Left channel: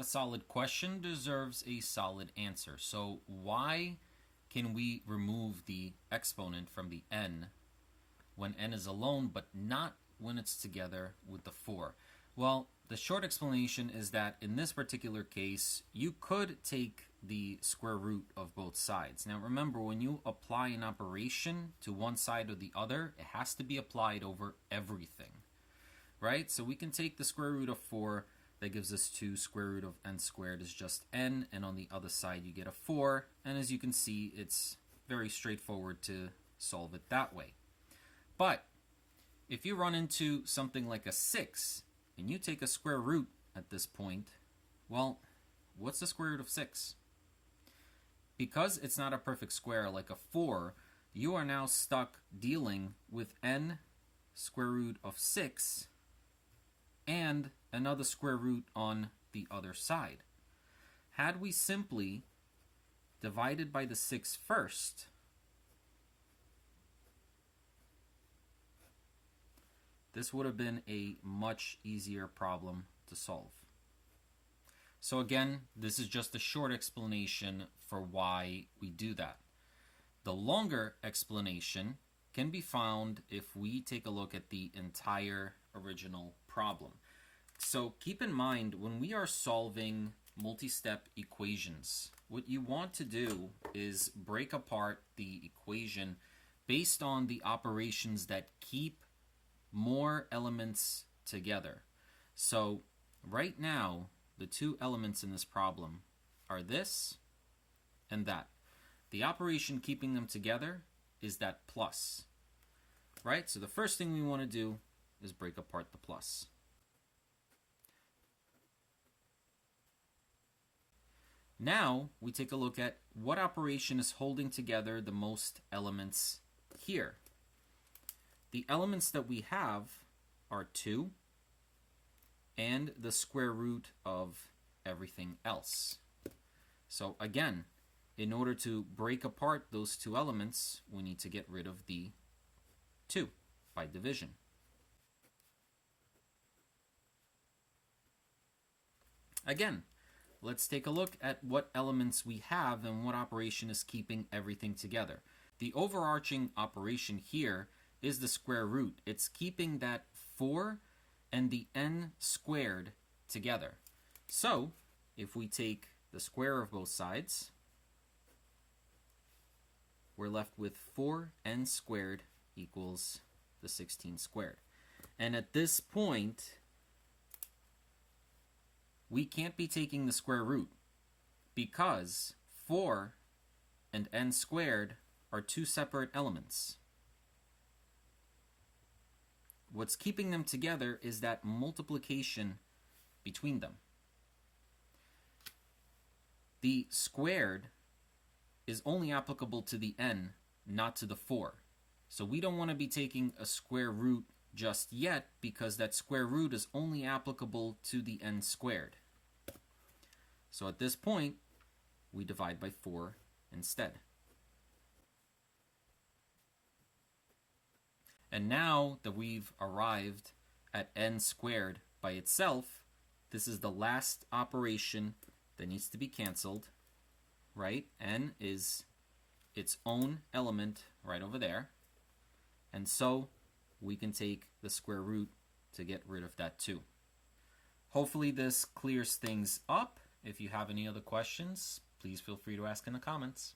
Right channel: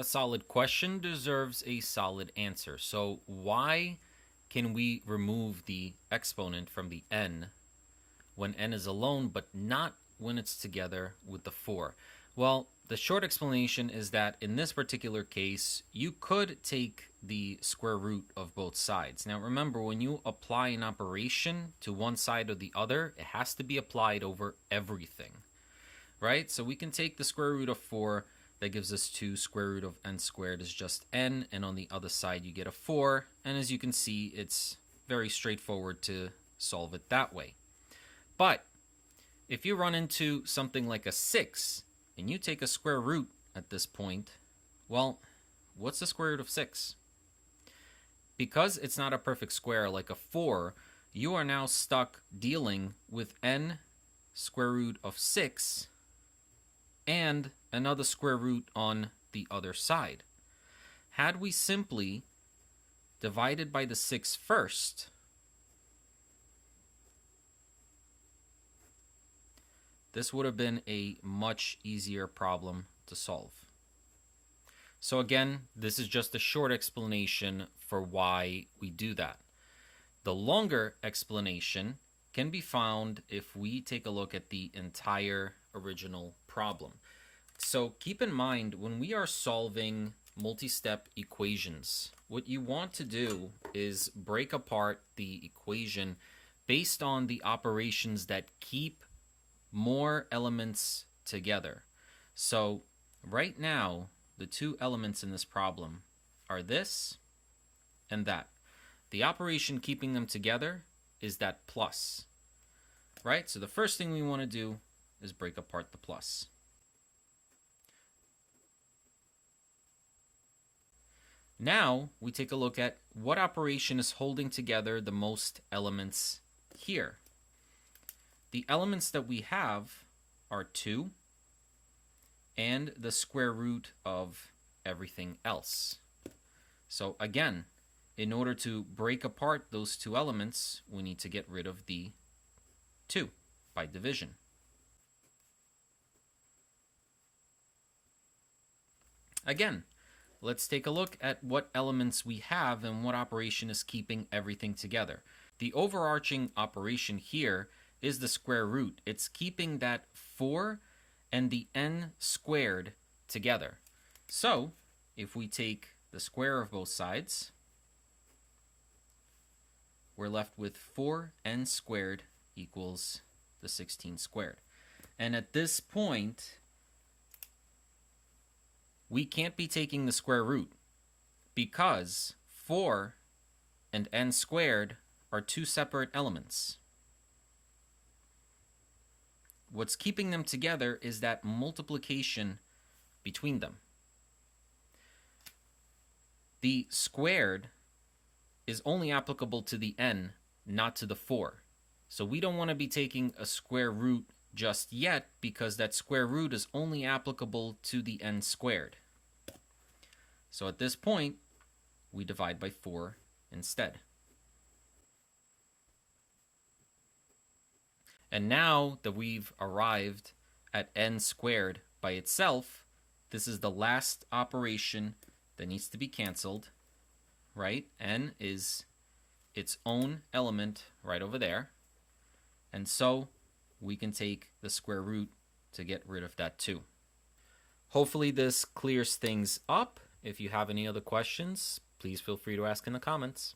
A solid question deserves a solid answer. So why can we remove the exponent from the n when n is alone, but not when it's together with the 4? Well, the short explanation is that in this particular case, you could take the square root of both sides. Now remember, when you apply an operation to one side or the other, it has to be applied over everything, right? So we can take the square root of 4, that gives us 2. Square root of n squared is just n, and on the other side you get a 4, and as you can see, it's very straightforward to solve it that way. But if you run into something like a 6, and you take a square root at this point, well, what's the square root of 6? Because it's not a perfect square like a 4, you are now stuck dealing with n square root of 6 and another square root on the other side. Had we simply divided by the 6 first, this would have been a much easier problem to solve. So again, this is just a short explanation for why we do that. The longer explanation can be found if we take a look at the entire original problem. So keep in mind, when we are solving multi-step equations, what you want to do is break apart the equation based on the operations that keep more elements together. So right now, the two elements in this problem are this and that. The operation keeping them together is that plus, right? So the first thing we want to do is break apart the plus. Now we take a look at what operation is holding together the most elements here. The elements that we have are 2 and the square root of everything else. So again, in order to break apart those two elements, we need to get rid of the 2 by division. Again, let's take a look at what elements we have and what operation is keeping everything together. The overarching operation here is the square root. It's keeping that 4 and the n squared together. So if we take the square of both sides, we're left with 4n squared equals the 16 squared. And at this point, we can't be taking the square root because 4 and n squared are two separate elements. What's keeping them together is that multiplication between them. The squared is only applicable to the n, not to the 4. So we don't want to be taking a square root just yet because that square root is only applicable to the n squared. So at this point, we divide by 4 instead. And now that we've arrived at n squared by itself, this is the last operation that needs to be canceled, right? N is its own element right over there. And so we can take the square root to get rid of that 2. Hopefully this clears things up. If you have any other questions, please feel free to ask in the comments.